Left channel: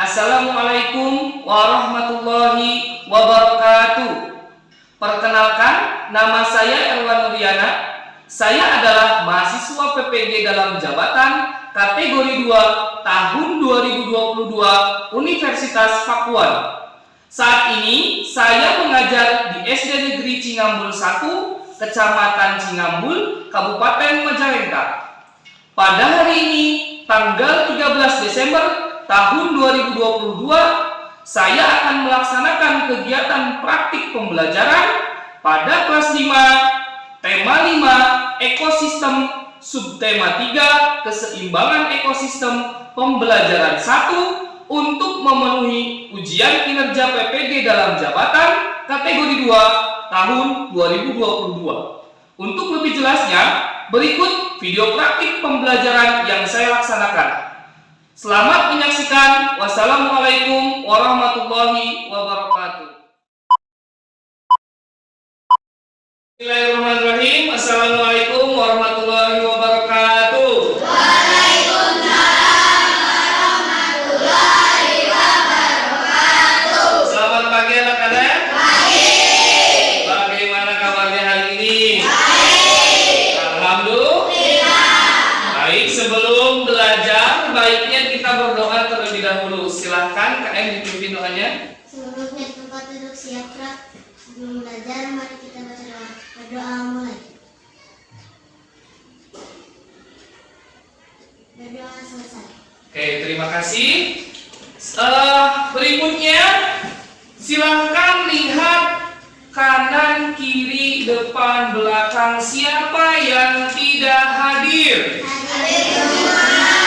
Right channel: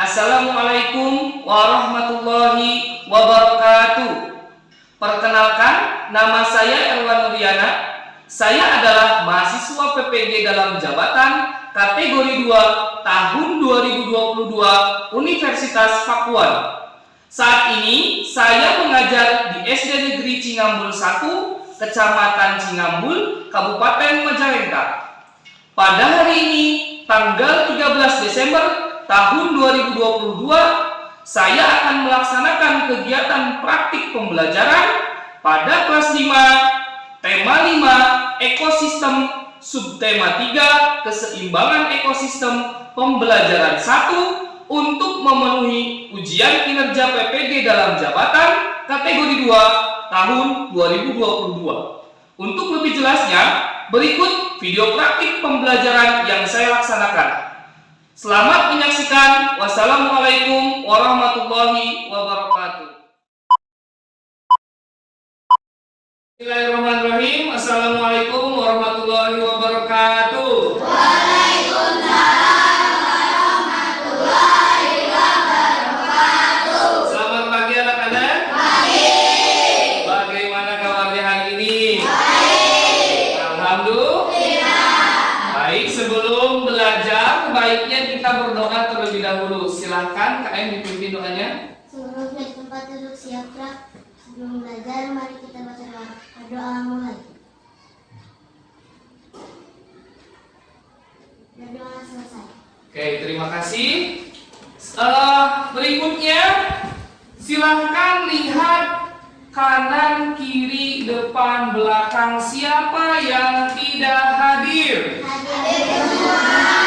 Assalamualaikum warahmatullahi wabarakatuh. Perkenalkan, nama saya Erwan Nuriana. Saya adalah mahasiswa PPG dalam jabatan kategori 2 tahun 2022 Universitas Pakuan. Saat ini saya mengajar di SD Negeri Cingambul 1, Kecamatan Cingambul, Kabupaten Majalengka. Pada hari ini, tanggal 13 Desember tahun 2022, saya akan melaksanakan kegiatan praktik pembelajaran pada kelas 5, tema 5, ekosistem, subtema 3, keseimbangan ekosistem, pembelajaran 1, untuk memenuhi ujian kinerja PPG dalam jabatan kategori 2 tahun 2022. Untuk lebih jelasnya, berikut video praktik pembelajaran yang saya laksanakan. Selamat menyaksikan. Wassalamualaikum warahmatullahi wabarakatuh. Bismillahirrahmanirrahim. Assalamualaikum warahmatullahi wabarakatuh. Waalaikumsalam warahmatullahi wabarakatuh. Selamat pagi anak-anak. Pagi. Bagaimana kabarnya hari ini? Baik. Alhamdulillah. Baik, sebelum belajar baiknya kita berdoa terlebih dahulu. Silahkan KM dipimpin doanya. Sebelumnya di tempat duduk siap gerak. Sebelum belajar, mari kita baca doa. Berdoa mulai. Berdoa selesai. Oke, terima kasih. Berikutnya, silahkan lihat kanan, kiri, depan, belakang. Siapa yang tidak hadir?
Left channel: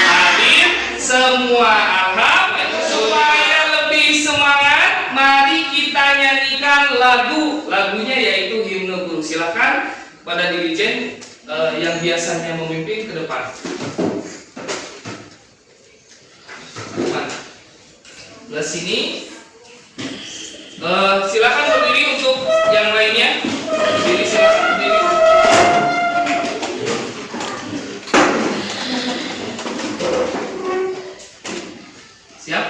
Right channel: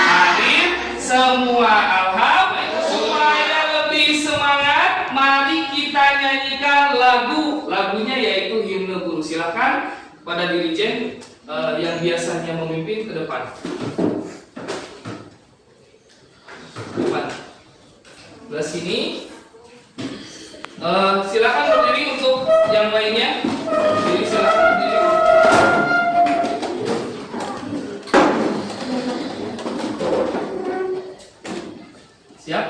Hadir semua. Alhamdulillah. Supaya lebih semangat, mari kita nyanyikan lagu. Lagunya yaitu himne guru. Silahkan pada dirijen yang biasanya memimpin ke depan. Belah sini. Silakan berdiri untuk yang lainnya. Berdiri, silakan berdiri. Siap?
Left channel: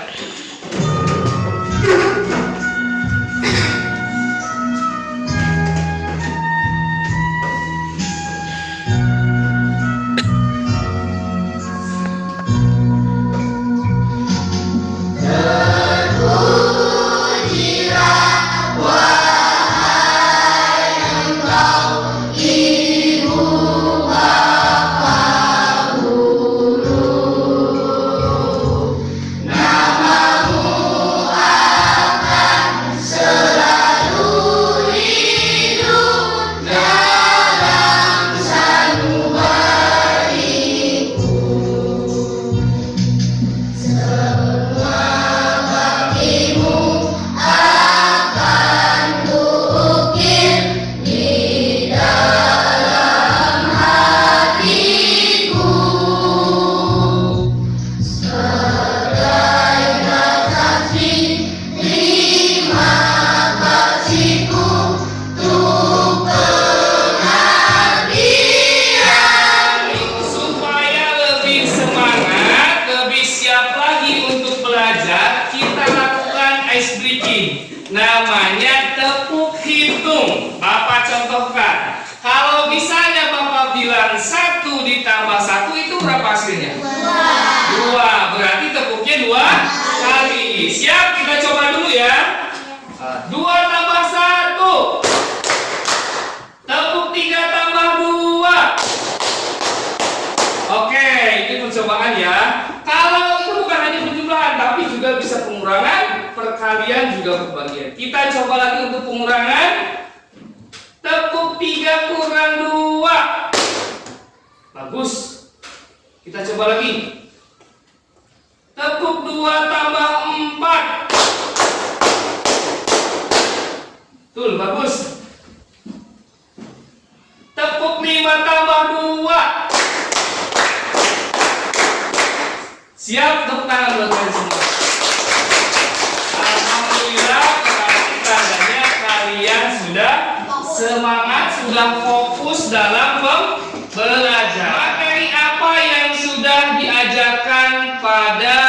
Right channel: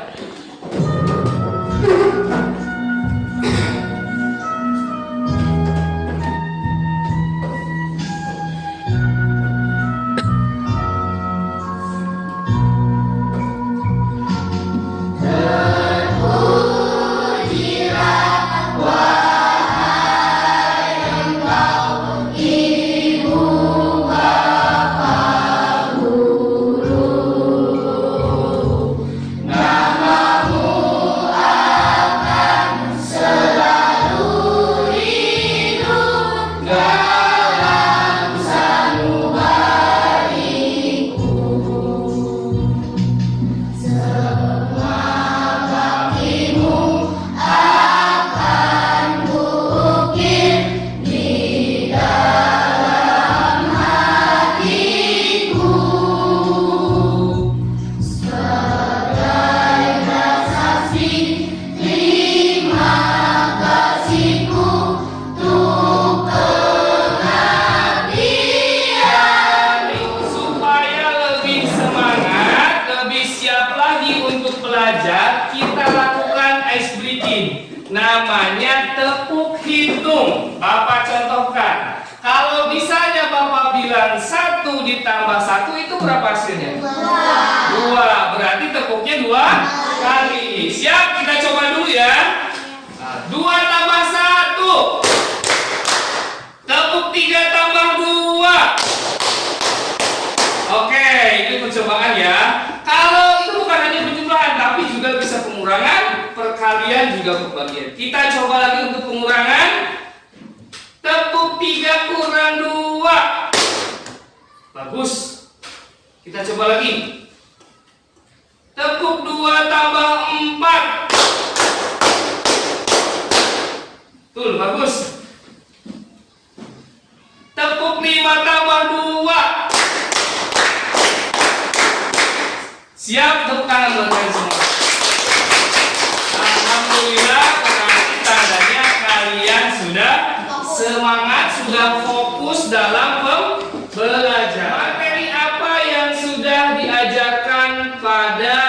Namanya tepuk hitung. Bapak contohkan. Kalau misalnya Bapak bilang 1 ditambah 1 itu berapa hasilnya? 2. Berarti tepuknya 2 kali. Siap, kita coba dulu ya. 2 tambah 1. Tepuk 3 tambah 2. Oke, ini percobaan ya. Kalau itu bukan hanya penjumlahan, tapi juga bisa pengurangan, perkalian juga pembagian. Kita coba lagi untuk pengurangan. Tepuk 3 kurang 2. Bagus. Kita coba lagi. Tepuk 2 tambah 4. Betul, bagus. Tepuk 5 tambah 2. Siap, tepuk tangan buat kalian semua. Alhamdulillah, berarti tandanya kalian sudah semangat, sudah fokus dalam pembelajaran. Materi apa yang sudah diajarkan pada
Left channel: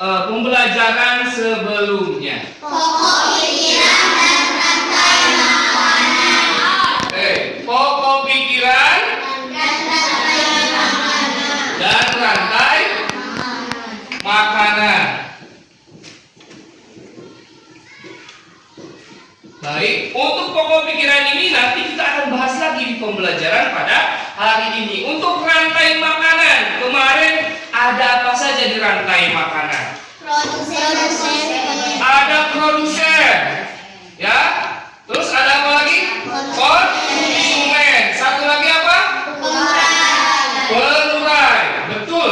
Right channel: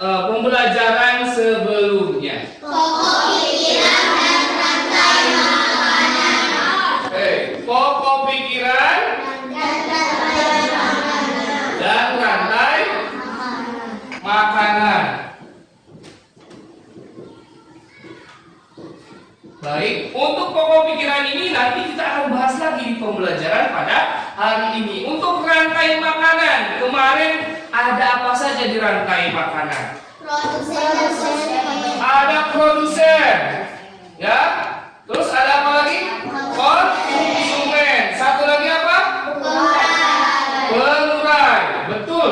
pembelajaran sebelumnya. Pokok pikiran dan rantai makanan. Pokok pikiran dan rantai makanan. Baik, untuk pokok pikiran ini nanti kita akan bahas lagi di pembelajaran pada hari ini. Untuk rantai makanan, kemarin ada apa saja di rantai makanan? Produsen. Ada produsen, ya. Terus ada apa lagi? Konsumen. Satu lagi apa? Pengurai. Betul,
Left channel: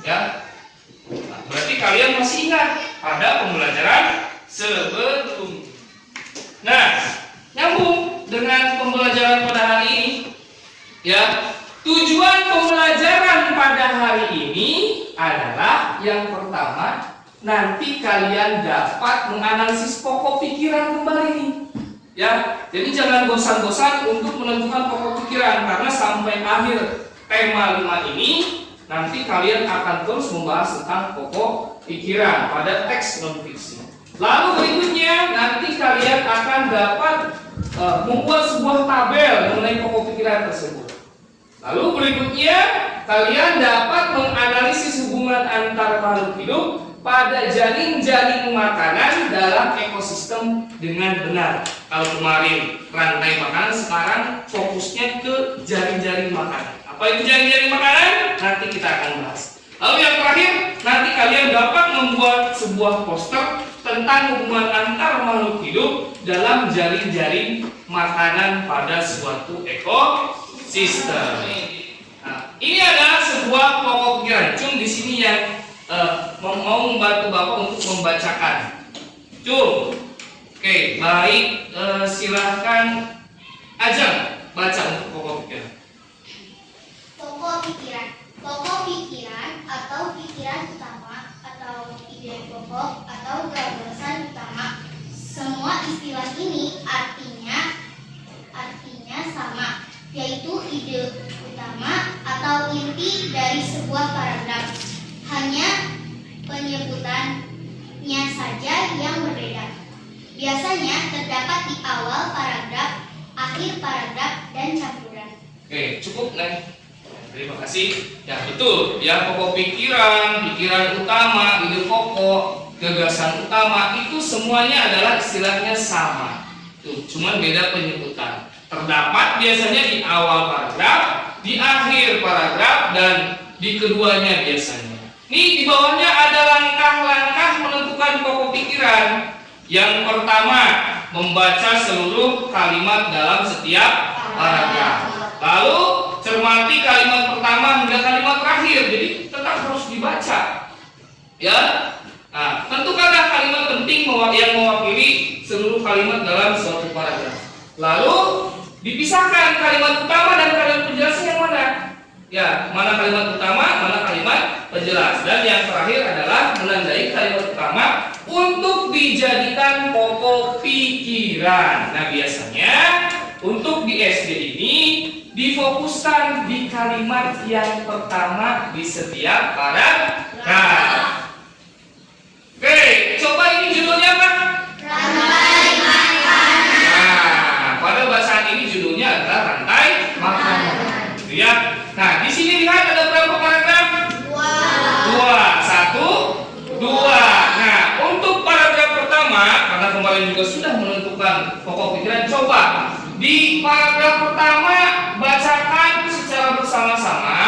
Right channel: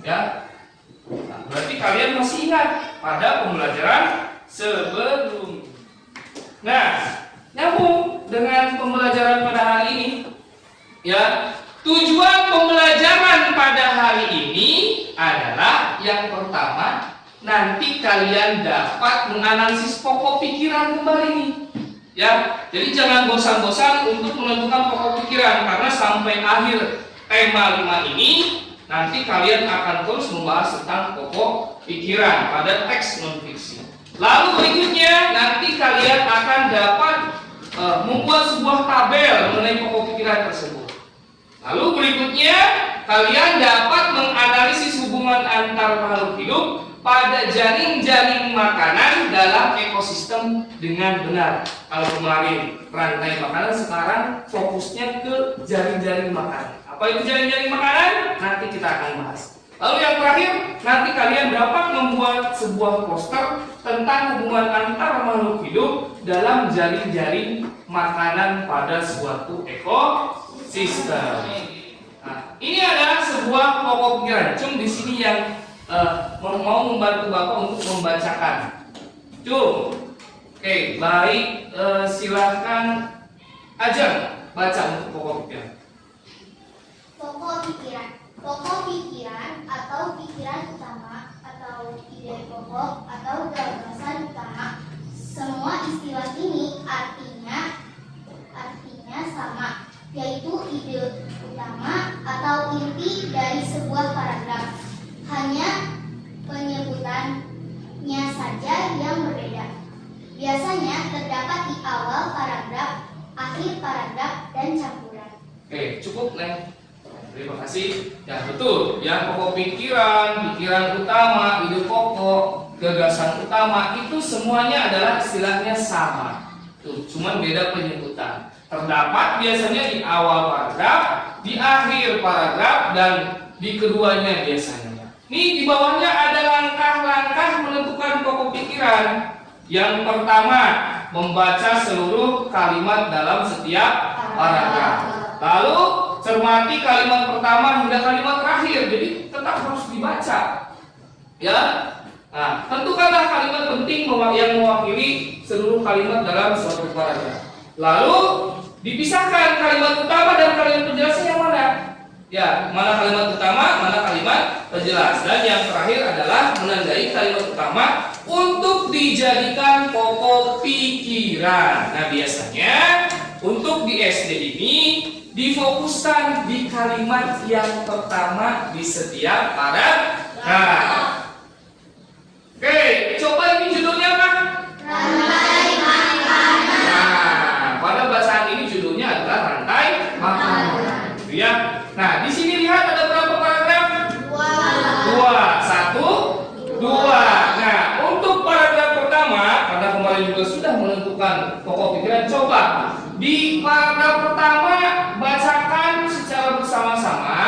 ya. Nah, berarti kalian masih ingat pada pembelajaran sebelumnya. Nah, nyambung dengan pembelajaran pada hari ini, ya. Tujuan pembelajaran pada hari ini adalah yang pertama, nanti kalian dapat menganalisis pokok pikiran kembali nih, ya. Jadi jangan bosan-bosan untuk menentukan pokok pikiran, karena sampai akhir tema 5 ini nanti kalian akan terus membahas tentang pokok pikiran pada teks non fiksi. Lalu berikutnya nanti kalian akan dapat membuat sebuah tabel mengenai pokok pikiran tersebut. Lalu berikutnya kalian dapat menganalisis hubungan antar makhluk hidup pada jaring-jaring makanan dalam ekosistem dengan benar. Kalau kemarin rantai makanan, sekarang fokusnya ke jaring-jaring makanan. Apa itu jaring-jaring makanan? Nanti kita akan bahas. Lalu yang terakhir, nanti kalian dapat membuat sebuah poster tentang hubungan antar makhluk hidup dalam jaring-jaring makanan pada suatu ekosistem. Nah, ini adalah sebuah pokok pikiran. Cum di sini yang mau membantu Bapak untuk membacakan. Cum, oke, baik, silahkan aja baca untuk pokok pikiran. Pokok pikiran atau pikiran utama atau ide pokok atau gagasan utama. Semua istilah ini artinya sama, yaitu ide utama atau inti dari sebuah paragraf. Hanya penyebutannya saja yang berbeda. Biasanya terdapat di awal paragraf, akhir paragraf, dan campuran. Oke, cukup, Neng. Terima kasih. Ya, betul. Ya, pokok pikiran, pikiran utama, ide pokok, gagasan utama itu semuanya adalah istilahnya sama. Tuh, cuman beda penyebutan. Terdapat biasanya di awal paragraf, di akhir paragraf, dan di keduanya biasanya. Nih, di bawahnya ada langkah-langkah menentukan pokok pikiran. Yang pertama, membaca seluruh kalimat dalam setiap paragraf. Lalu cermati kalimat pertama hingga kalimat terakhir, jadi tetap harus dibaca, ya. Nah, tentukanlah kalimat penting yang mewakili seluruh kalimat dalam suatu paragraf. Lalu dipisahkan kalimat utama dan kalimat penjelasan yang mana? Ya, mana kalimat utama, mana kalimat penjelas. Dan yang terakhir adalah menandai kalimat utama untuk dijadikan pokok pikiran. Nah, biasanya untuk di SD ini difokuskan di kalimat yang pertama di setiap paragraf. Oke, coba ini judulnya apa? Rantai makanan. Nah, pada bacaan ini judulnya adalah rantai makanan. Gitu ya. Nah, di sini lihat ada berapa paragraf? 2. 1, 2. Nah, untuk paragraf pertama, karena kemarin juga sudah menentukan pokok pikiran, coba di paragraf pertama bacakan secara bersama-sama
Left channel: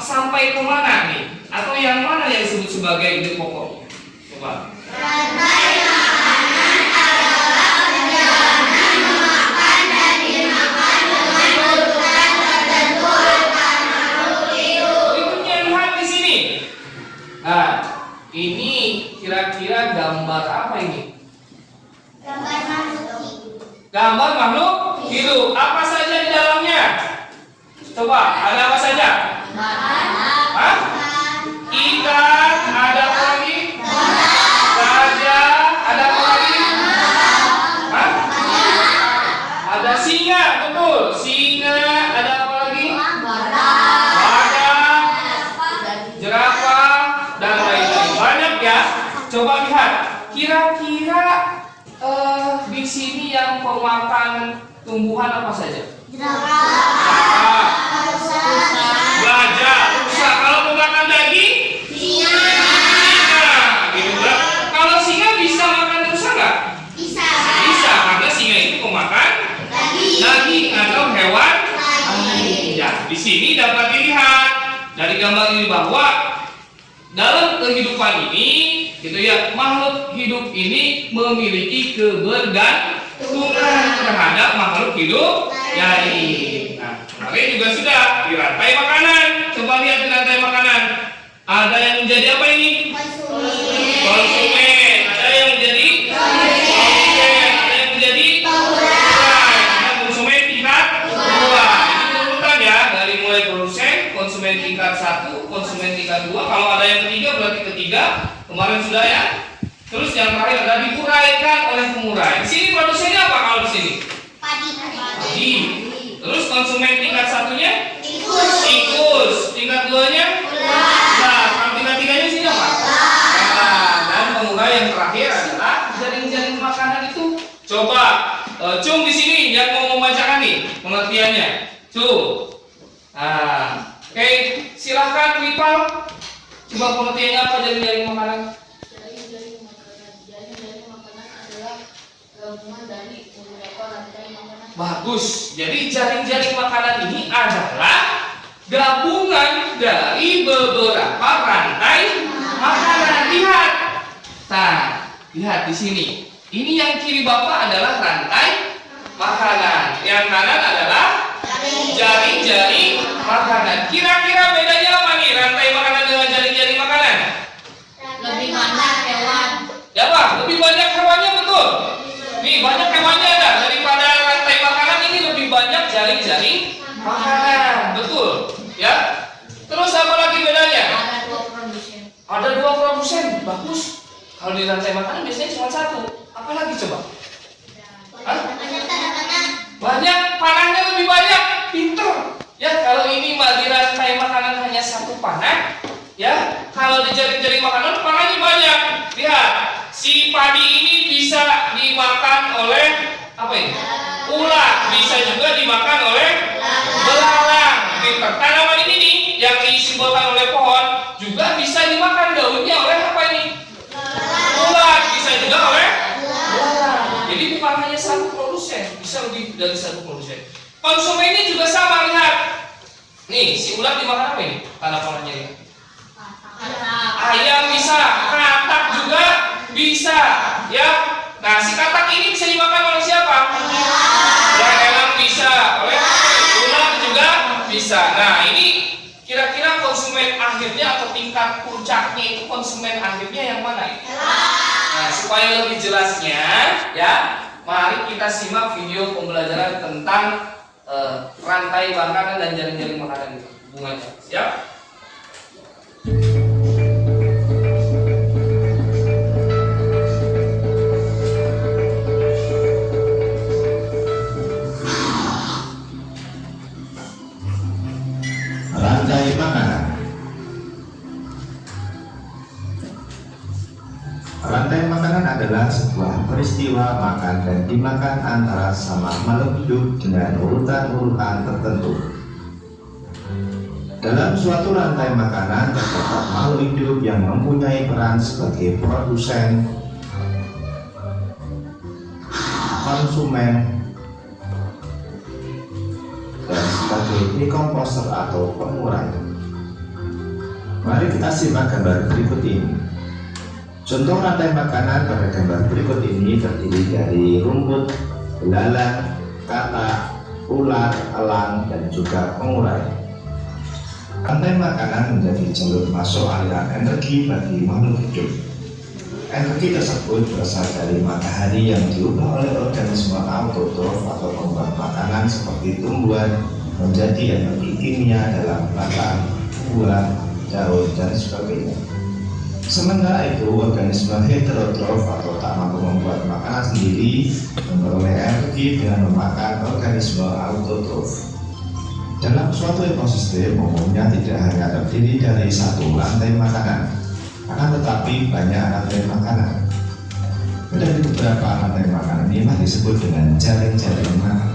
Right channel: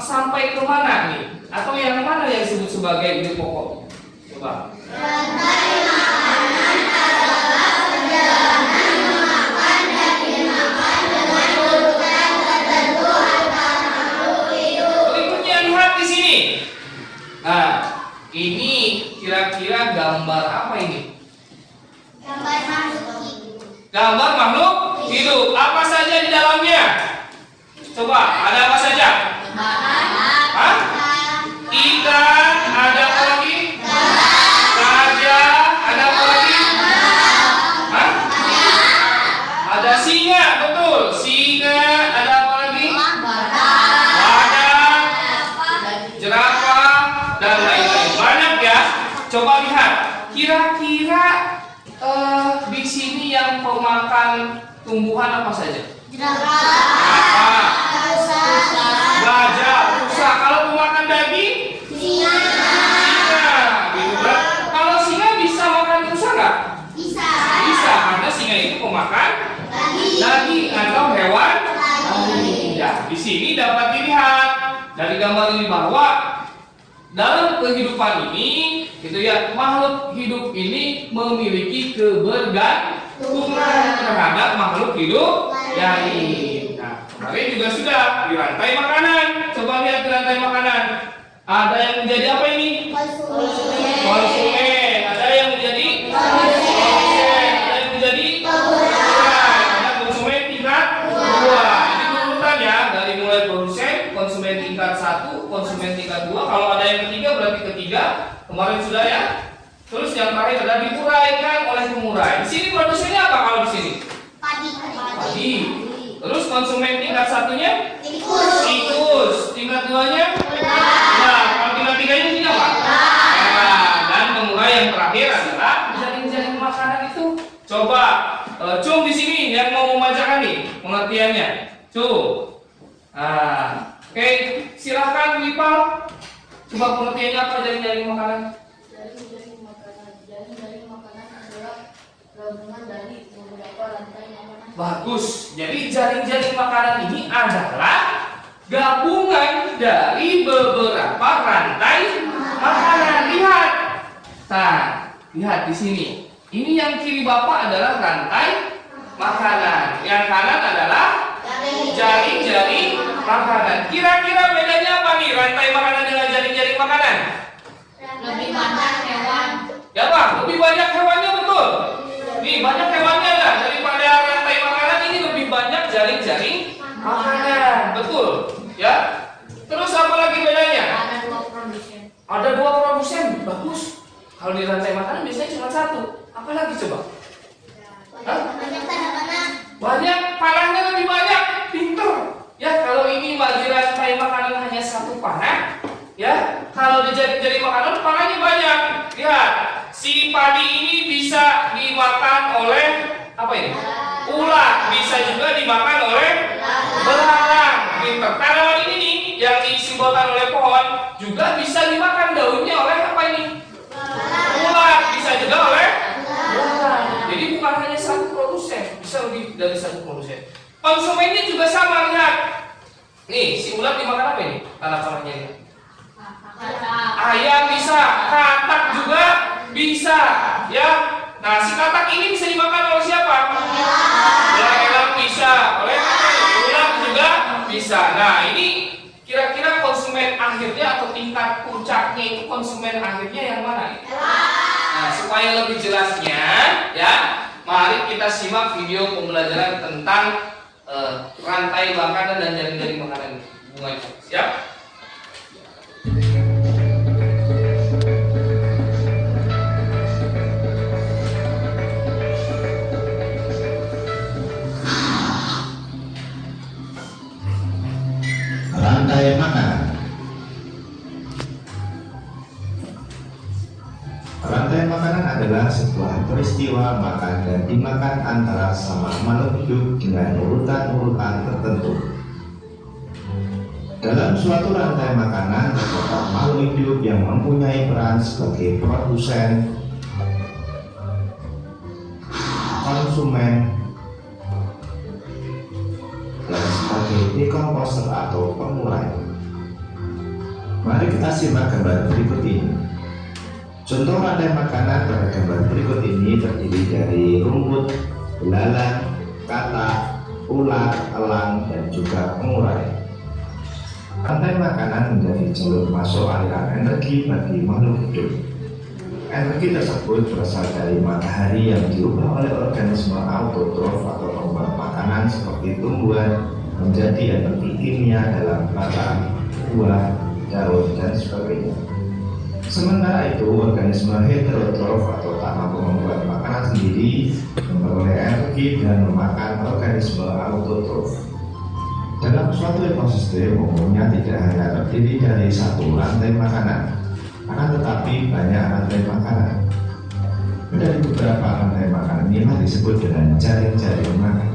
sampai kemana nih? Atau yang mana yang disebut sebagai ide pokoknya? Coba. Rantai makanan adalah perjalanan memakan dan dimakan dengan urutan tertentu antar makhluk hidup. Berikutnya lihat di sini. Nah, ini kira-kira gambar apa ini? Gambar makhluk hidup. Gambar makhluk hidup. Apa saja di dalamnya? Coba, ada apa saja? Hah? Ikan, ada apa lagi? Gajah, ada apa lagi? Hah? Ada singa, betul. Singa, ada apa lagi? Badak, jerapah, dan lain-lain. Coba lihat, kira-kira di sini yang pemakan tumbuhan apa saja? Jerapah, Gajah, rusa. Kalau pemakan daging? singa, Gitu. Kalau singa bisa makan rusa nggak? bisa, Bisa, karena singa itu pemakan daging atau hewan lain. Ya, di sini dapat dilihat dari gambar ini bahwa dalam kehidupan ini, gitu ya, makhluk hidup ini memiliki kebergantungan terhadap makhluk hidup lain. Nah, kemarin juga sudah di rantai makanan. Coba lihat di rantai makanan. Ada yang menjadi apa ini? Konsumen. Ada yang menjadi produsen. Ada yang menjadi pengurai. Ada konsumen tingkat 2. Ini urutan ya, dari mulai produsen, konsumen tingkat 1, konsumen tingkat 2. Kalau ada yang ketiga berarti ketiga. Kemarin sudah ya. Terus yang terakhir adalah diuraikan oleh pengurai. Di sini produsennya apa kalau di sini? Padi. Terus konsumen tingkat 1-nya? Tikus. Tingkat 2-nya? Nah, kalau tingkat 3-nya sini apa? Nah, dan pengurai yang terakhir adalah jaring-jaring makanan itu. Coba Cung di sini yang mau membacakan nih pengertiannya. Cung. Nah, oke, silahkan Lipal. Coba pengertiannya apa jaring-jaring makanan? Jaring-jaring makanan adalah gabungan dari beberapa rantai makanan. Bagus. Jadi jaring-jaring makanan ini adalah gabungan dari beberapa rantai makanan. Lihat. Nah, lihat di sini. Ini yang kiri Bapak adalah rantai makanan. Yang kanan adalah jaring-jaring makanan. Kira-kira bedanya apa nih rantai makanan dengan jaring-jaring makanan? Lebih banyak hewan. Ya Pak, lebih banyak hewannya, betul. Nih banyak hewannya ada daripada rantai makanan, ini lebih banyak jaring-jaring makanan, betul. Ya. Terus apa lagi bedanya? Ada 2 produsen. Ada 2 produsen, bagus. Kalau di rantai makanan biasanya cuma 1. Apa lagi coba? Hah? Banyak, panahnya lebih banyak, pinter. Ya, kalau ini di rantai makanan hanya 1 panah, ya. Kalau di jaring-jaring makanan panahnya banyak. Lihat, si padi ini bisa dimakan oleh apa ini? Ulat, bisa juga dimakan oleh belalang. Pinter. Tanaman ini nih yang disimbolkan oleh pohon juga bisa dimakan daunnya oleh apa ini? Ulat, bisa juga oleh belalang. Jadi bukan hanya 1 produsen, bisa lebih dari 1 produsen. Konsumennya juga sama, lihat. Nih, si ulat dimakan apa ini? Tanda panahnya ini. Ayam bisa, katak juga bisa, ya. Nah, si katak ini bisa dimakan oleh siapa? Hewan bisa, oleh ulat juga bisa. Nah, ini kira-kira konsumen akhirnya atau tingkat puncaknya itu konsumen akhirnya yang mana ini? Nah, supaya lebih jelasnya, ya, mari kita simak video pembelajaran tentang rantai makanan dan jaring-jaring makanan hubungannya. Siap? Rantai makanan. Rantai makanan adalah sebuah peristiwa makan dan dimakan antara sama makhluk hidup dengan urutan-urutan tertentu. Dalam suatu rantai makanan terdapat makhluk hidup yang mempunyai peran sebagai produsen, konsumen, dan sebagai dekomposer atau pengurai. Mari kita simak gambar berikut ini. Contoh rantai makanan pada gambar berikut ini terdiri dari rumput, belalang, katak, ulat, elang, dan juga pengurai. Rantai makanan menjadi jalur masuk aliran energi bagi makhluk hidup. Energi tersebut berasal dari matahari yang diubah oleh organisme autotrof atau pembuat makanan seperti tumbuhan menjadi energi kimia dalam batang, buah, daun, dan sebagainya. Sementara itu, organisme heterotrof atau tak mampu membuat makanan sendiri memperoleh energi dengan memakan organisme autotrof. Dalam suatu ekosistem umumnya tidak hanya terdiri dari 1 rantai makanan, Akan tetapi banyak rantai makanan. Dari beberapa rantai makanan inilah disebut dengan jaring-jaring makan.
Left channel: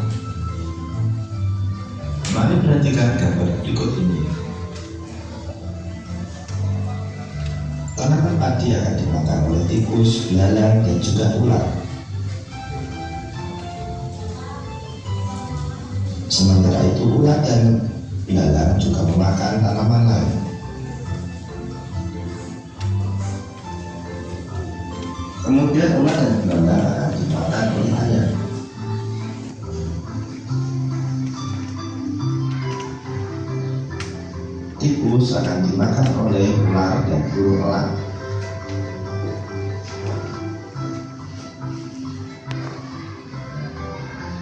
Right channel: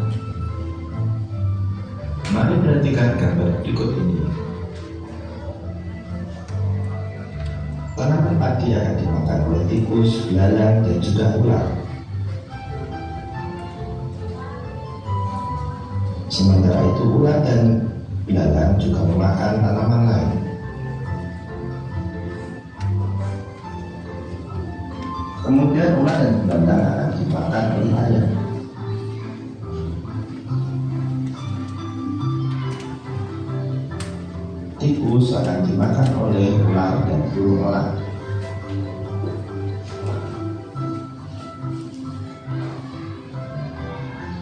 Mari perhatikan gambar berikut ini. Tanaman padi akan dimakan oleh tikus, belalang, dan juga ular. Sementara itu ular dan belalang juga memakan tanaman lain. Kemudian ular dan belalang akan dimakan oleh ayam. Tikus akan dimakan oleh ular dan burung elang.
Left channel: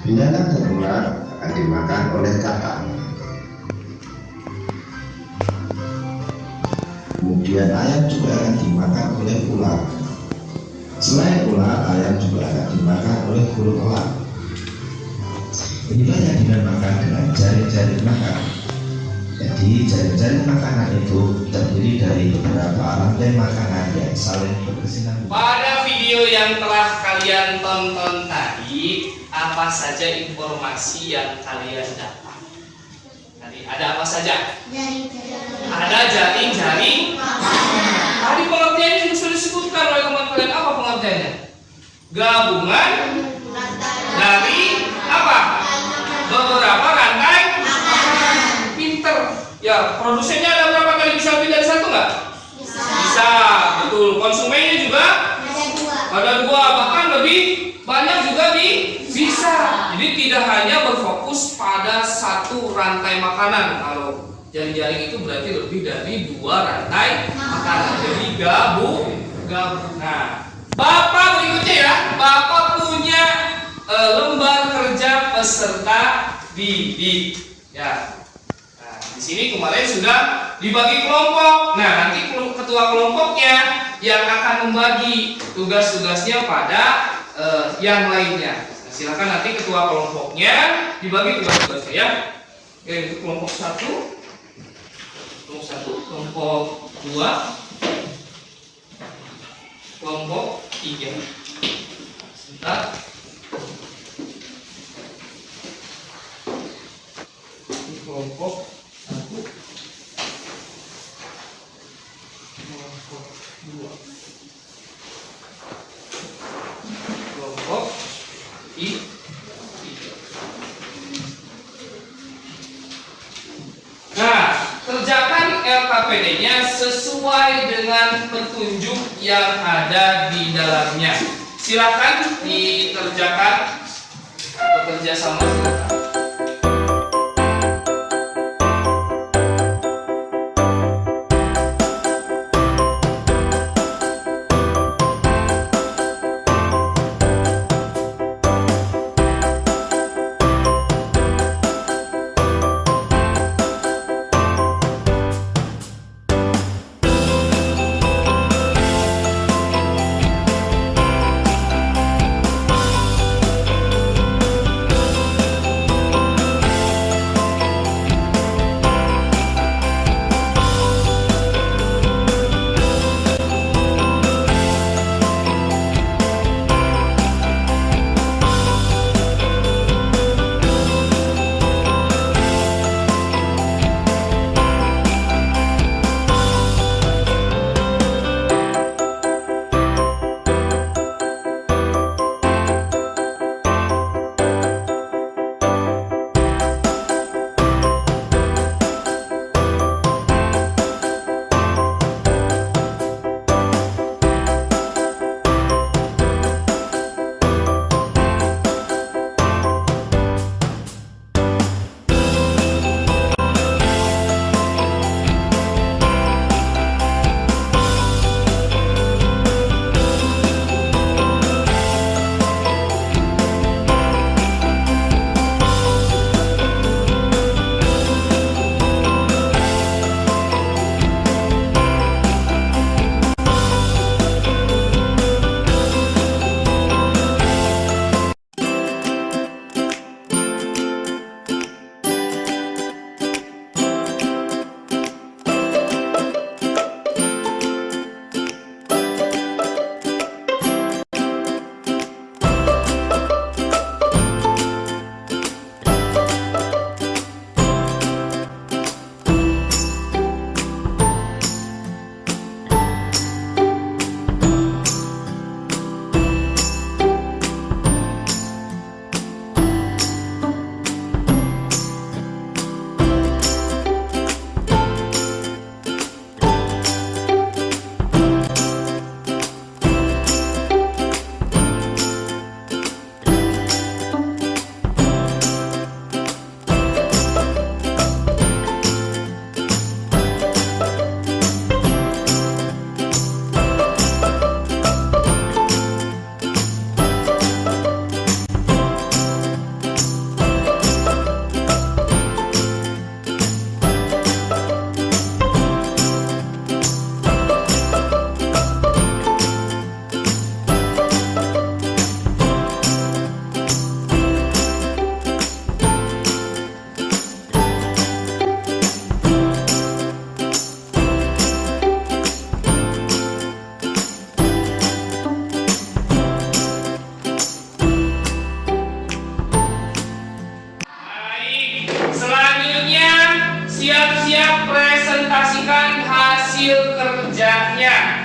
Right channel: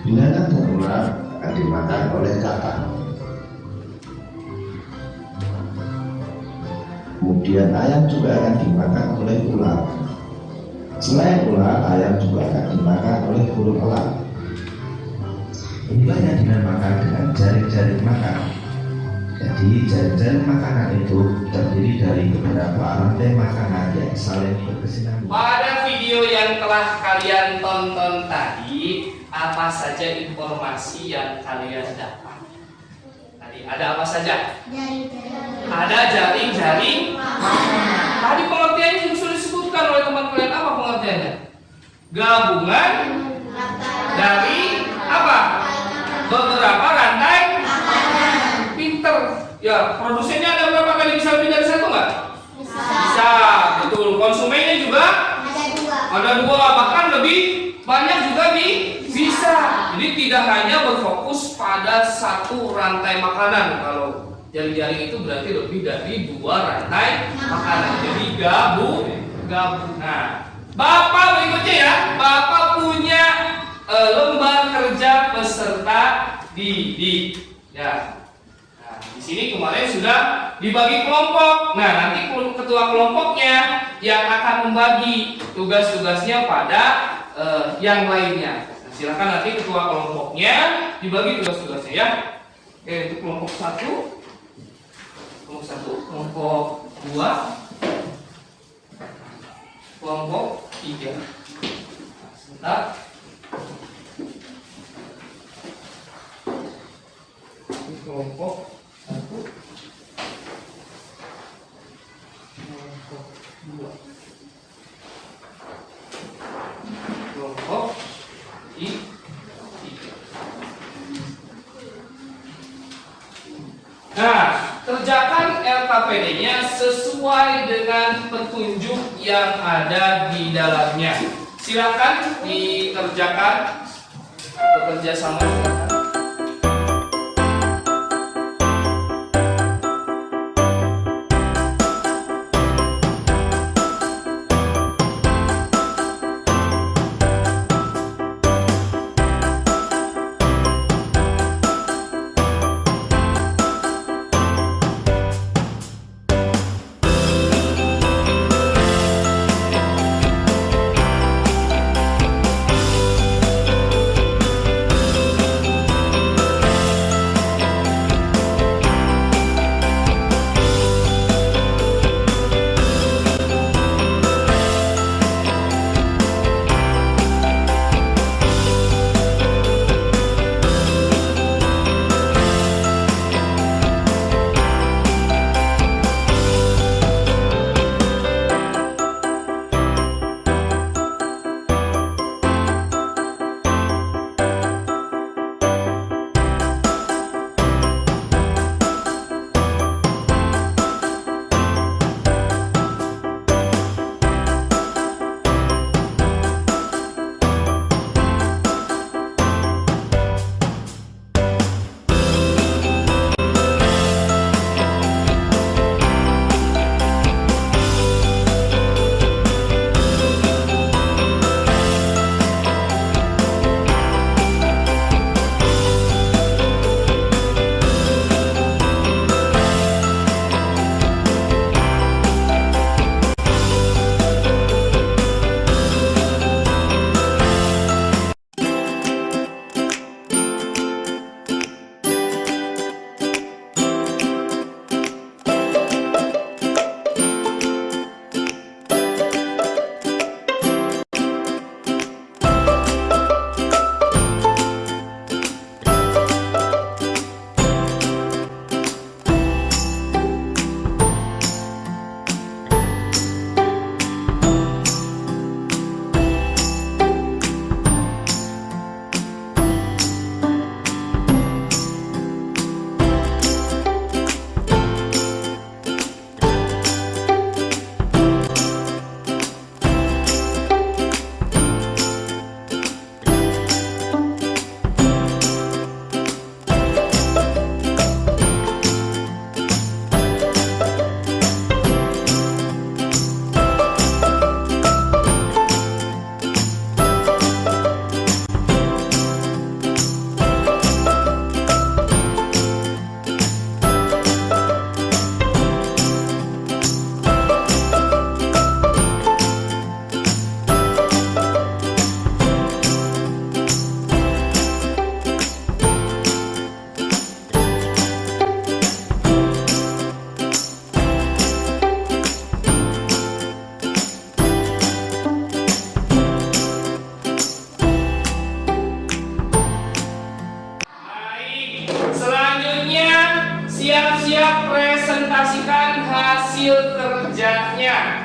Belalang dan ular akan dimakan oleh kakak. Kemudian ayam juga akan dimakan oleh ular. Selain ular, ayam juga akan dimakan oleh burung elang. Inilah yang dinamakan dengan jaring-jaring makan. Jadi jaring-jaring makanan itu terdiri dari beberapa rantai makanan yang saling berkesinambungan. Pada video yang telah kalian tonton tadi, apa saja informasi yang kalian dapat? Tadi ada apa saja? Ada jaring-jaring. Tadi pengertiannya sudah disebutkan oleh teman kalian. Apa pengertiannya? Gabungan dari apa? Beberapa rantai. Pinter. Ya, produsennya ada berapa kali bisa lebih dari satu nggak? Bisa, betul. Konsumennya juga ada dua, bahkan lebih banyak juga bisa. Jadi tidak hanya berfokus pada satu rantai makanan. Kalau jaring-jaring itu berarti lebih dari dua rantai makanan. Jadi gabung. Nah, Bapak berikutnya ya. Bapak punya lembar kerja peserta didik. Ya. Nah, di sini kemarin sudah dibagi kelompok. Nah, nanti ketua kelompoknya yang akan membagi tugas-tugasnya pada yang lainnya. Nah, silakan nanti ketua kelompoknya dibagi tugas-tugasnya ya. Oke, untuk kelompok 1, kelompok 2, kelompok 3. Sebentar. Kelompok 1, kelompok 2, kelompok 3. Nah, kerjakan LKPD-nya sesuai dengan petunjuk yang ada di dalamnya. Silakan dikerjakan bekerja sama.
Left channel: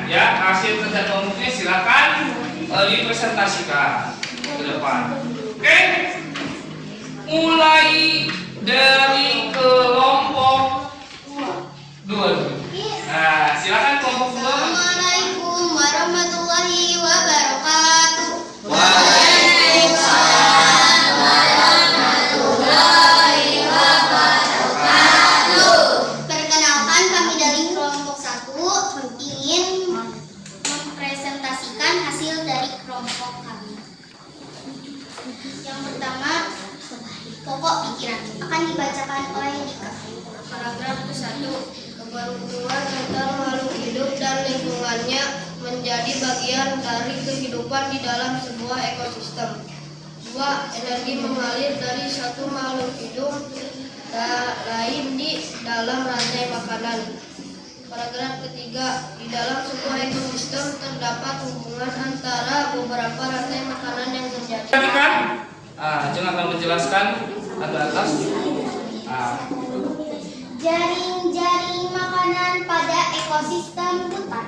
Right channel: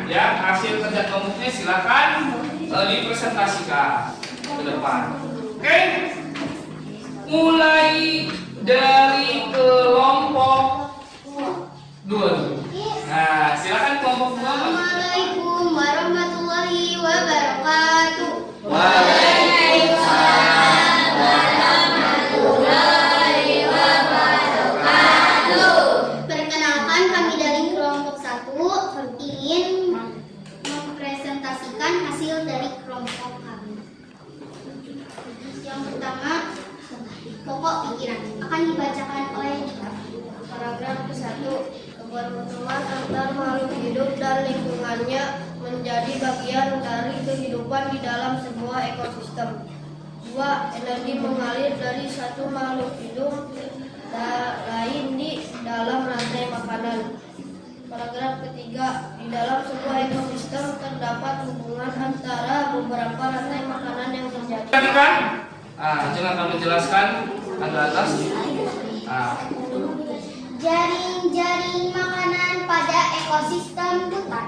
ya hasil kerja kelompoknya silakan dipresentasikan ke depan. Oke, mulai dari kelompok 2. Nah, silakan kelompok 2. Assalamualaikum warahmatullahi wabarakatuh. Perkenalkan, kami dari kelompok 1 ingin mempresentasikan hasil dari kelompok kami. Yang pertama, pokok pikiran akan dibacakan oleh Dika. Paragraf 1. Keberuntungan antar makhluk hidup dan lingkungannya menjadi bagian dari kehidupan di dalam sebuah ekosistem. 2. Energi mengalir dari satu makhluk hidup lain di dalam rantai makanan. Paragraf ketiga. Di dalam sebuah ekosistem terdapat hubungan antara beberapa rantai makanan yang terjadi. Perhatikan. Ajeng akan menjelaskan ada atas. Jaring-jaring makanan pada ekosistem hutan.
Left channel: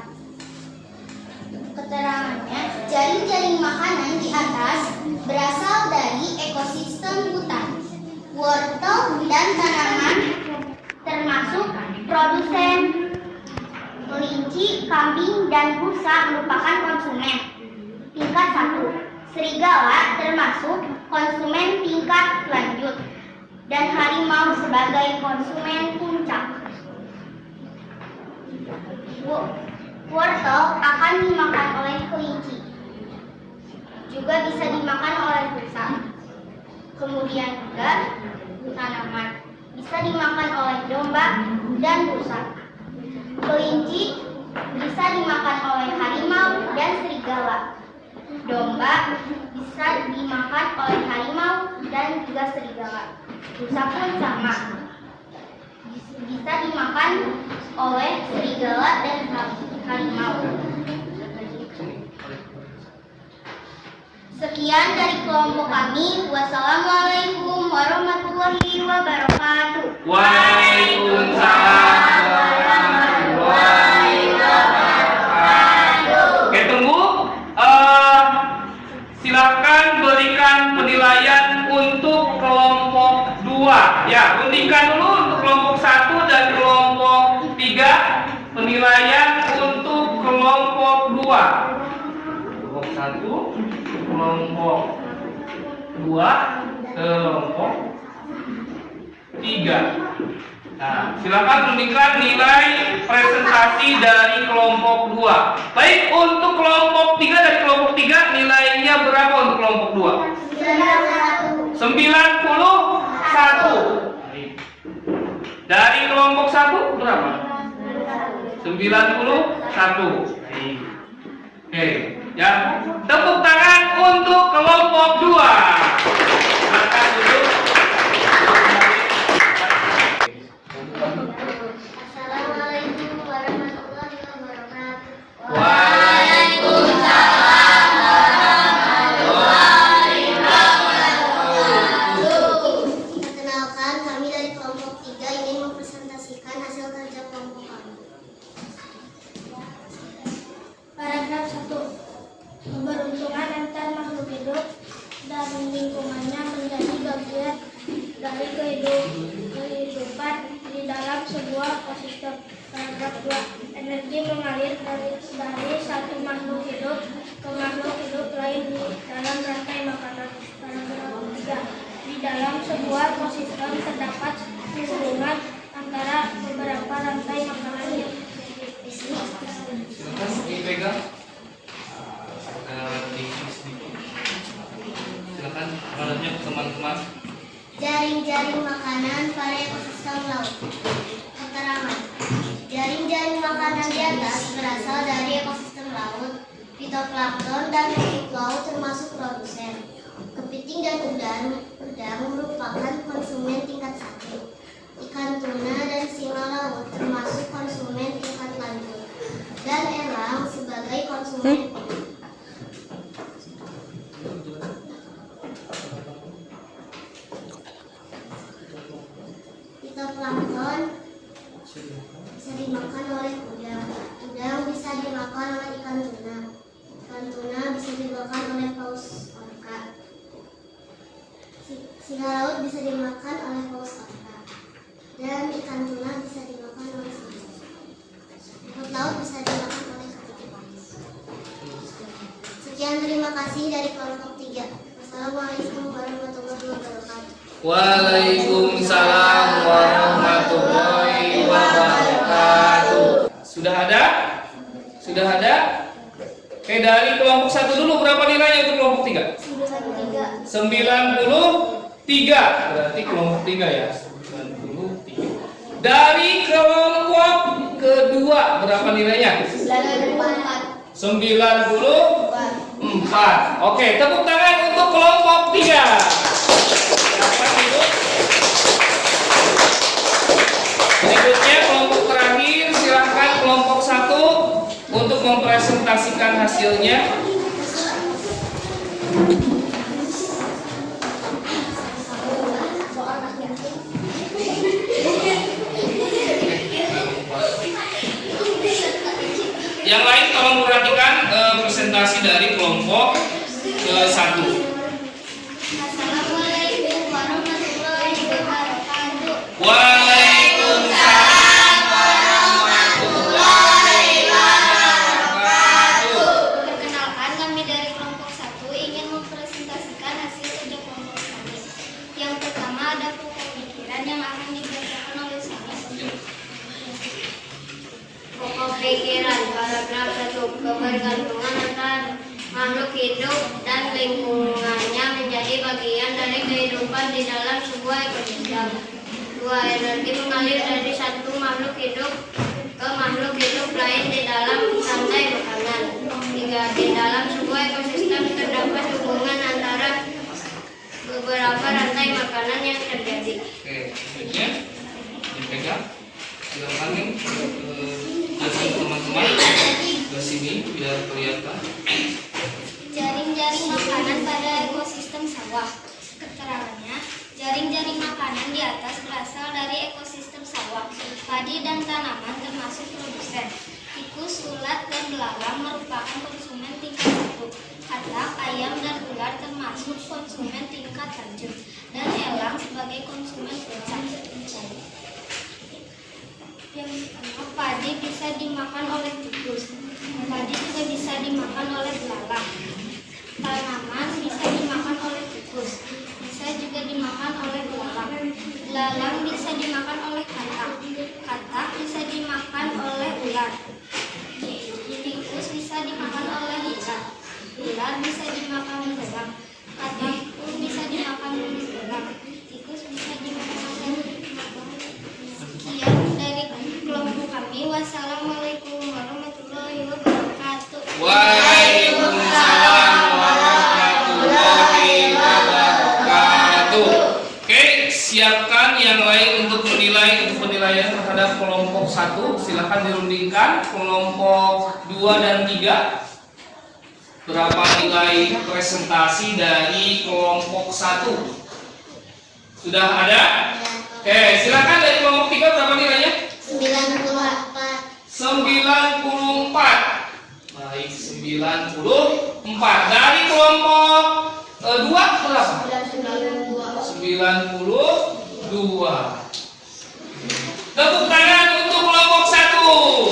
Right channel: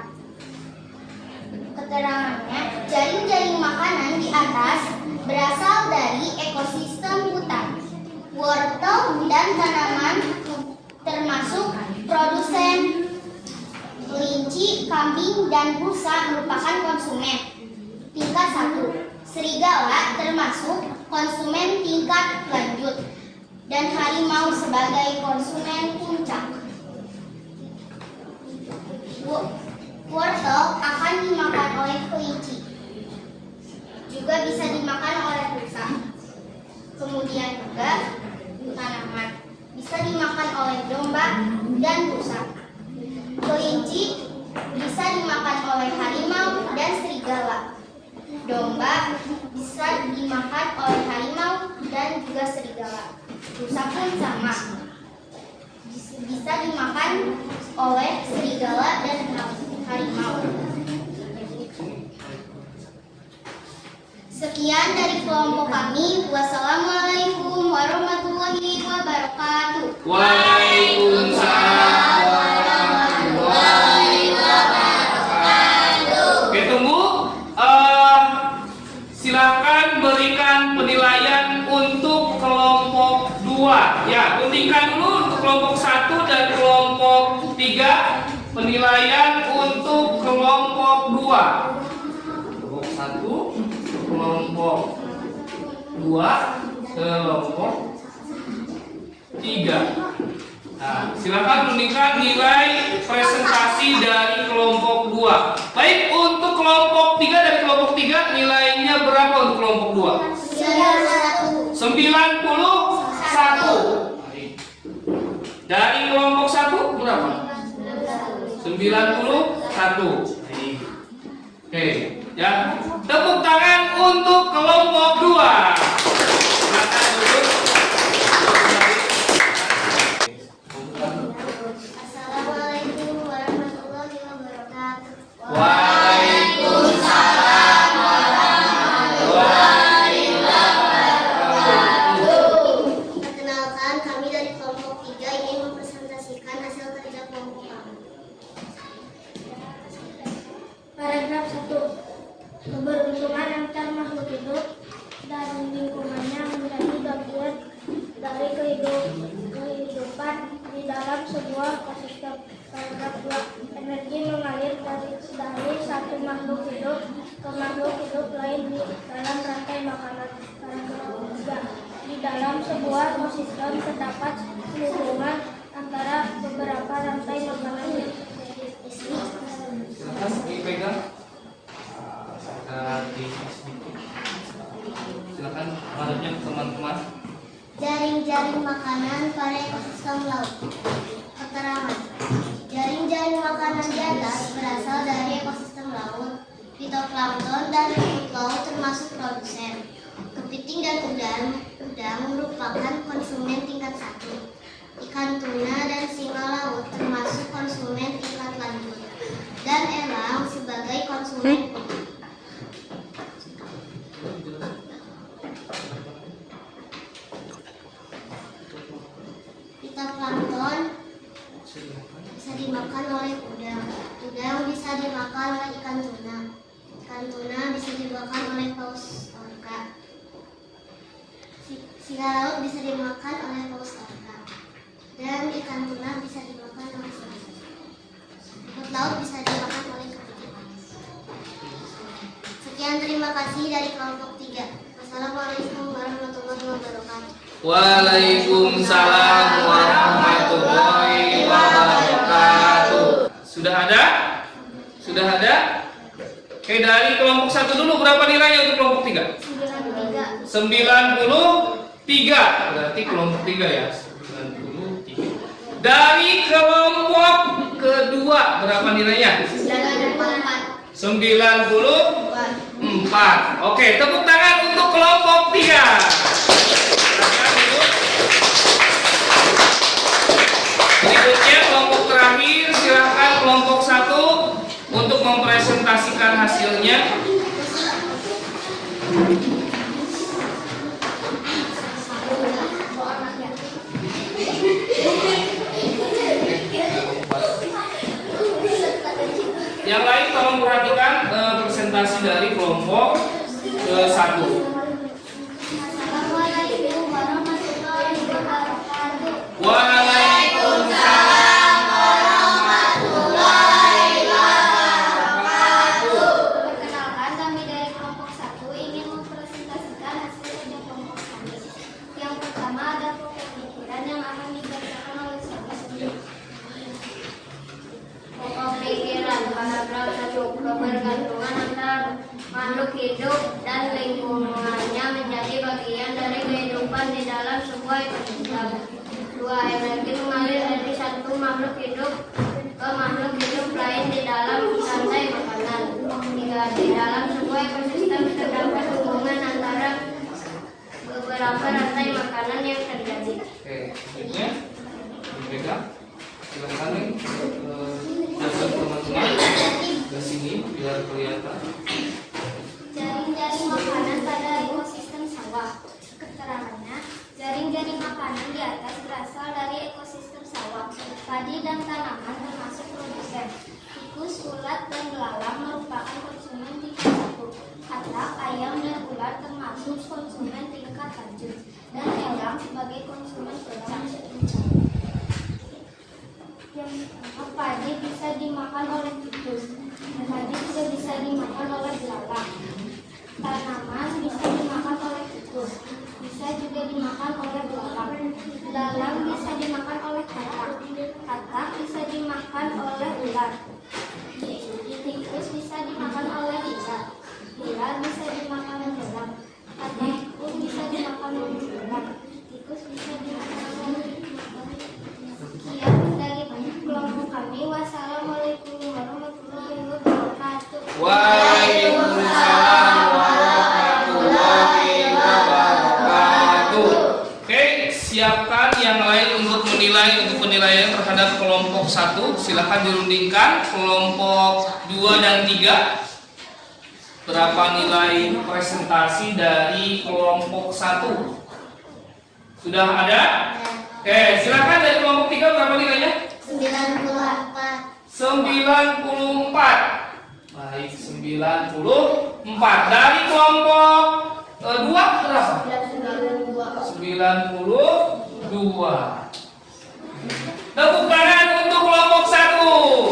Keterangannya, jaring-jaring makanan di atas berasal dari ekosistem hutan. Wortel dan tanaman termasuk produsen. Kelinci, kambing, dan rusa merupakan konsumen. Tingkat 1. Serigala termasuk konsumen tingkat lanjut. Dan harimau sebagai konsumen puncak. Wortel akan dimakan oleh kelinci, juga bisa dimakan oleh rusa. Kemudian juga tanaman bisa dimakan oleh domba dan rusa. Kelinci bisa dimakan oleh harimau dan serigala. Domba bisa dimakan oleh harimau dan juga serigala. Rusa pun sama, bisa dimakan oleh serigala dan harimau. Sekian dari kelompok kami. Wassalamualaikum warahmatullahi wabarakatuh. Waalaikumsalam warahmatullahi wabarakatuh. Oke, tunggu. Silakan berikan penilaian untuk kelompok 2. Ya, hentikan dulu untuk kelompok 1 dan kelompok 3. Penilaian untuk kelompok 2. Kelompok 1, kelompok 2, kelompok 3. Nah, silakan tunjukkan nilai presentasi dari kelompok 2. Baik, untuk kelompok 3 dari kelompok 3 nilainya berapa untuk kelompok 2? 91. Dari kelompok 1 berapa? 91. Oke, ya. Tepuk tangan untuk kelompok 2. Silakan duduk. Assalamualaikum warahmatullahi wabarakatuh. Waalaikumsalam warahmatullahi wabarakatuh. Perkenalkan, kami dari kelompok 3 ingin mempresentasikan hasil kerja kelompok kami. Paragraf 1. Keberuntungan antar makhluk hidup dan lingkungannya menjadi bagian dari kehidupan di dalam sebuah ekosistem. Paragraf 2. Energi mengalir dari satu makhluk hidup ke makhluk hidup lain dalam rantai makanan. Paragraf 3. Di dalam sebuah ekosistem terdapat hubungan antara beberapa rantai makanan. Silakan dipegang. Silakan menghadapnya ke teman-teman. Jaring-jaring makanan pada ekosistem laut. Keterangan. Jaring-jaring makanan di atas berasal dari ekosistem laut. Fitoplankton dan rumput laut termasuk produsen. Kepiting dan udang merupakan konsumen tingkat 1. Ikan tuna dan singa laut termasuk konsumen tingkat lanjut. Dan elang sebagai konsumen puncak. Fitoplankton bisa dimakan oleh udang bisa dimakan dimakan oleh ikan tuna. Ikan tuna bisa dimakan oleh paus orca. Singa laut bisa dimakan oleh paus orca. Dan ikan tuna bisa dimakan oleh singa. Rumput laut bisa dimakan oleh kepiting. Sekian, terima kasih dari kelompok 3. Wassalamualaikum warahmatullahi wabarakatuh. Waalaikumsalam warahmatullahi wabarakatuh. Sudah ada? Sudah ada? Oke, dari kelompok 1 dulu berapa nilainya untuk kelompok 3? 93. Berarti kelompok 3 ya. 93. Dari kelompok kedua berapa nilainya? 94. Oke, tepuk tangan untuk kelompok 3. Silakan duduk. Berikutnya kelompok terakhir, silakan kelompok 1 untuk mempresentasikan hasilnya. Yang lain tolong perhatikan presentasi dari kelompok 1. Assalamualaikum warahmatullahi wabarakatuh. Waalaikumsalam warahmatullahi wabarakatuh. Perkenalkan, kami dari kelompok 1 ingin mempresentasikan hasil kerja kelompok kami. Yang pertama ada pokok pikiran yang akan dibacakan oleh saya. Pokok pikiran paragraf 1. Kebergantungan antara makhluk hidup dan lingkungannya menjadi bagian dari kehidupan di dalam sebuah ekosistem. 2. Energi mengalir dari satu makhluk hidup ke makhluk hidup lain di dalam rantai makanan. 3. Di dalam sebuah ekosistem terdapat hubungan antara beberapa rantai makanan yang terjadi. Oke, selanjutnya dipegang. Silakan nih jelasin teman-teman ke sini biar kelihatan. Jaring-jaring makanan pada ekosistem sawah. Keterangannya, jaring-jaring makanan di atas berasal dari ekosistem sawah. Padi dan tanaman termasuk produsen. Tikus, ulat, dan belalang merupakan konsumen tingkat 1. Katak, ayam, dan ular termasuk konsumen tingkat lanjut. Dan elang sebagai konsumen puncak. Yang pertama, padi bisa dimakan oleh tikus. Padi juga bisa dimakan oleh belalang. Tanaman bisa dimakan oleh tikus. Bisa juga dimakan oleh belalang. Belalang bisa dimakan oleh katak. Katak bisa dimakan oleh ular. Tikus bisa dimakan oleh ular. Ular bisa dimakan belang. Katak pun bisa dimakan belang. Tikus bisa dimakan oleh. Sekian dari kelompok kami. Wassalamualaikum warahmatullahi wabarakatuh. Waalaikumsalam warahmatullahi wabarakatuh. Oke, siapkan yang lain untuk menilai untuk penilaian terhadap kelompok 1. Silakan dirundingkan kelompok 2 dan 3. Berapa nilai presentasi dari kelompok 1? Sudah ada? Oke, silakan dari kelompok 3 berapa nilainya? 94. Baik, 94. Dari kelompok 2 berapa? 92. Tepuk tangan untuk kelompok 1.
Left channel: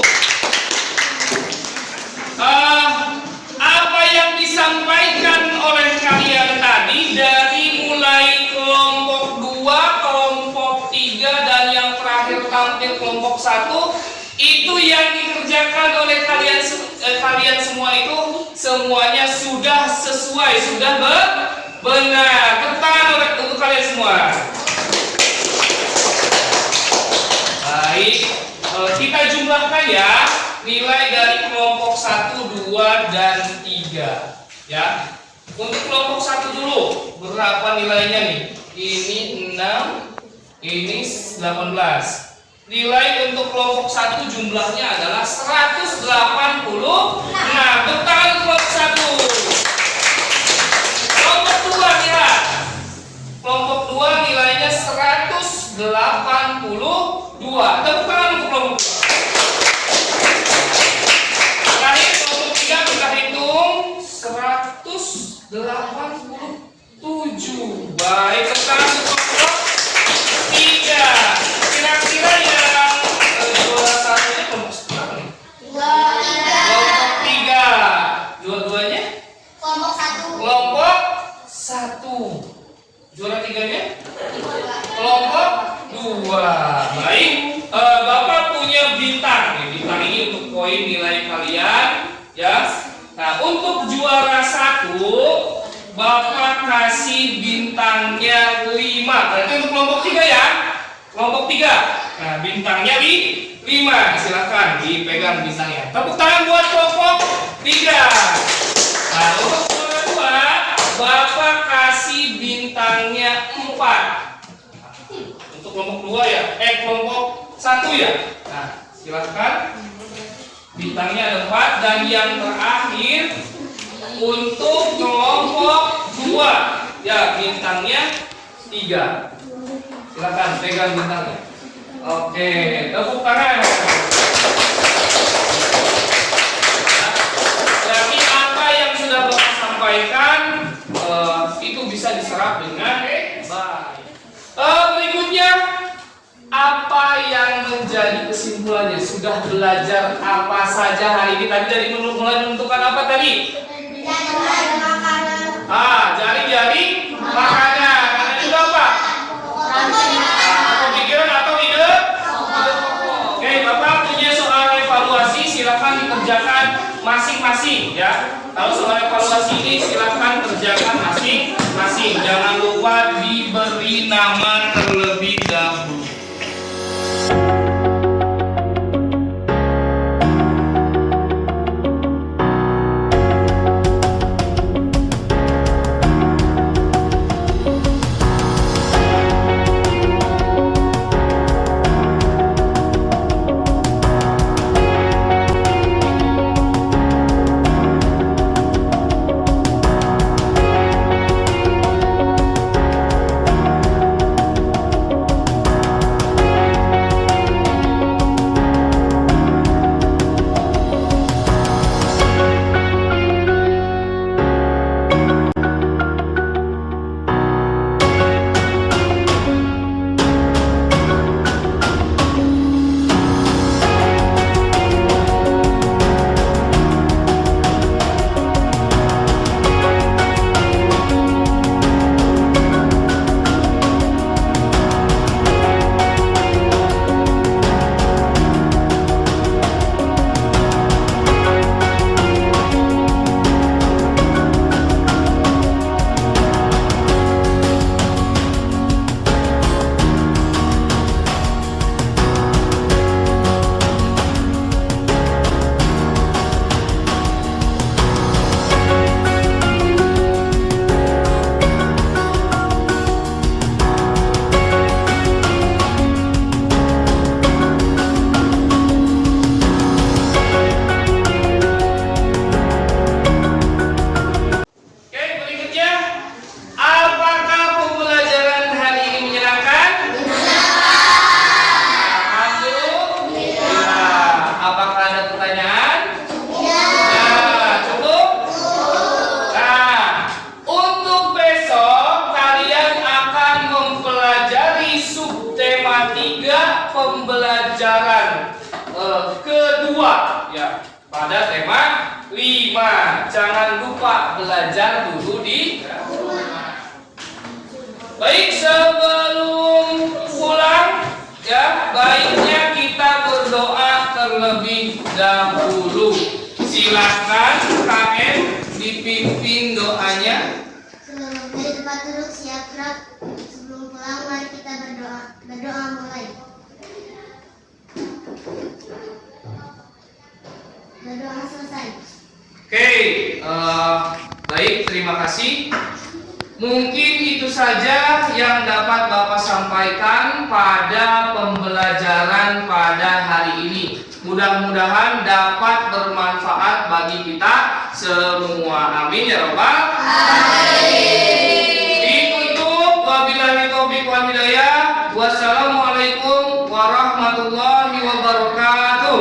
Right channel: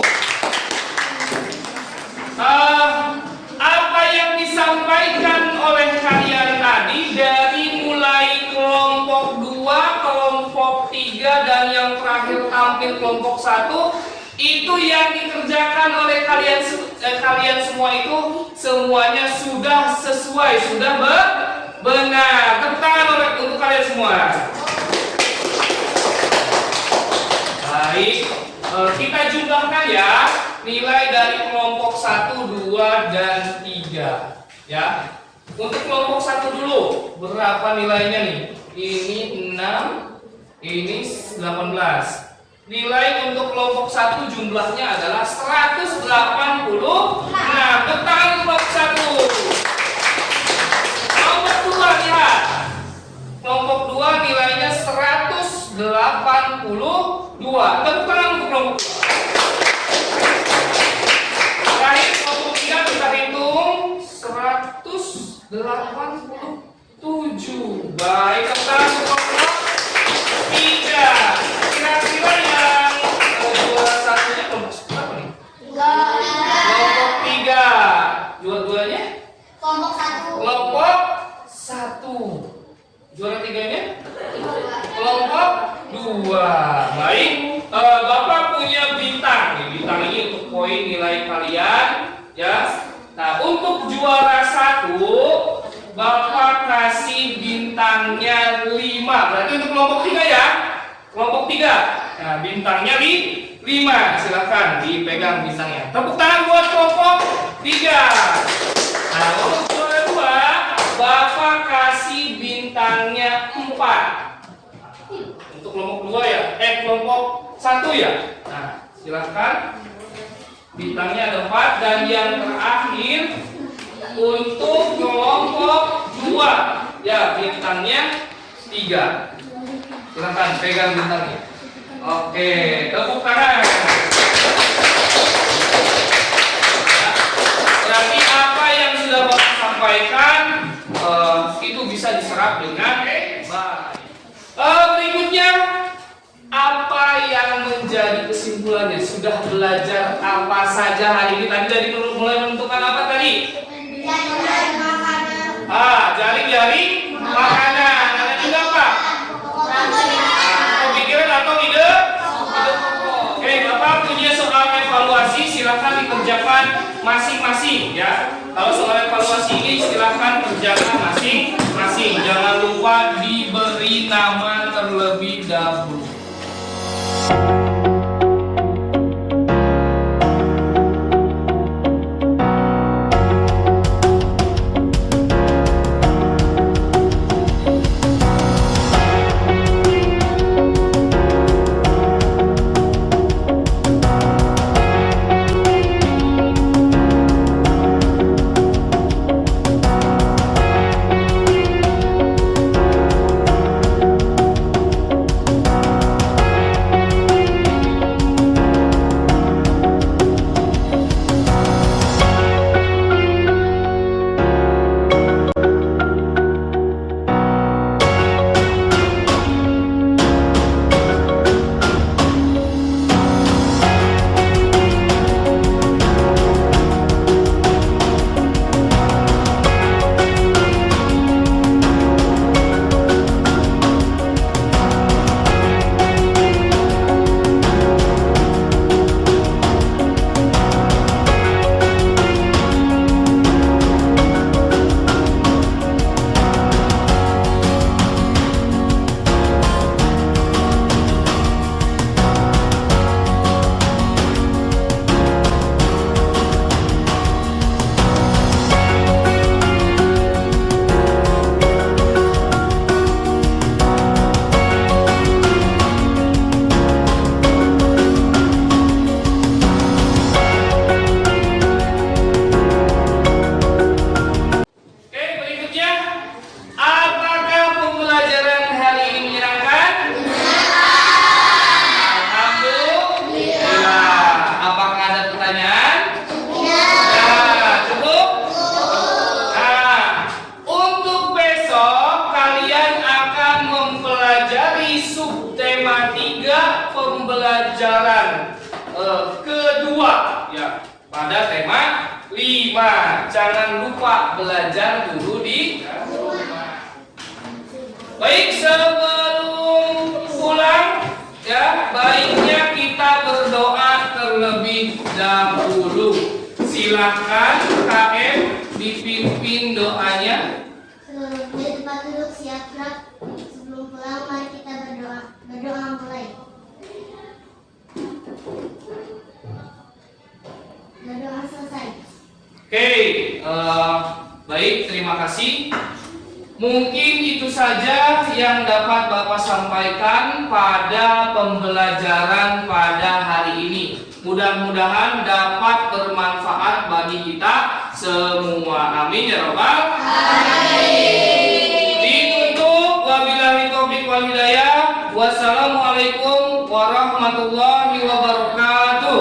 Apa yang disampaikan oleh kalian tadi dari mulai kelompok 2, kelompok 3 dan yang terakhir tampil kelompok 1 itu yang dikerjakan oleh kalian semua itu semuanya sudah sesuai, sudah benar. Tepuk tangan untuk kalian semua. Baik, kita jumlahkan ya nilai dari kelompok 1, 2, dan 3 ya. Untuk kelompok 1 dulu berapa nilainya nih? Ini 6, ini 18. Nilai untuk kelompok 1 jumlahnya adalah 180. Nah, bertahan kelompok 1. Kelompok 2 lihat. Kelompok 2 nilainya 182. Tepuk tangan untuk kelompok 2. Terakhir 87. Baik, sekarang kelompok 3. Kira-kira yang juara satunya kelompok berapa nih? Kelompok 3. Dua-duanya? Kelompok 1. Juara 3-nya? Kelompok 2. Baik, Bapak punya bintang. Bintang ini untuk poin nilai kalian, ya. Nah, untuk juara 1 Bapak kasih bintangnya 5. Berarti untuk kelompok 3 ya. Kelompok 3. Nah, bintangnya 5. Silakan dipegang bintangnya. Tepuk tangan buat kelompok 3. Nah, untuk juara 2 Bapak kasih bintangnya 4. Untuk kelompok 2 ya. Kelompok 1 ya. Nah, silakan. Bintangnya ada 4 dan yang terakhir untuk kelompok 2 ya bintangnya 3. Silakan pegang bintangnya. Oke, tepuk tangan. Berarti apa yang sudah Bapak sampaikan itu bisa diserap dengan baik. Berikutnya, apa yang menjadi kesimpulannya? Sudah belajar apa saja hari ini? Tadi dari mulai menentukan apa tadi? Jari-jari makanan. Ada juga apa? Pemikiran atau ide? Oke, Bapak punya soal evaluasi, silakan dikerjakan masing-masing ya. Kalau soal evaluasi ini silakan kerjakan masing-masing. Jangan lupa diberi nama terlebih dahulu. pembelajaran kedua ya pada tema 5. Jangan lupa belajar dulu di rumah. Baik, sebelum pulang ya, baiknya kita berdoa terlebih dahulu. Silakan KM dipimpin doanya. Dari tempat duduk siap gerak. Sebelum pulang mari kita berdoa. Berdoa mulai. Berdoa selesai. Oke, baik, terima kasih. Mungkin itu saja yang dapat Bapak sampaikan pada pembelajaran pada hari ini. Mudah-mudahan dapat bermanfaat bagi kita semua. Amin ya Rabbal alamin. Ditutup wabillahi taufiq wal hidayah. Wassalamualaikum warahmatullahi wabarakatuh.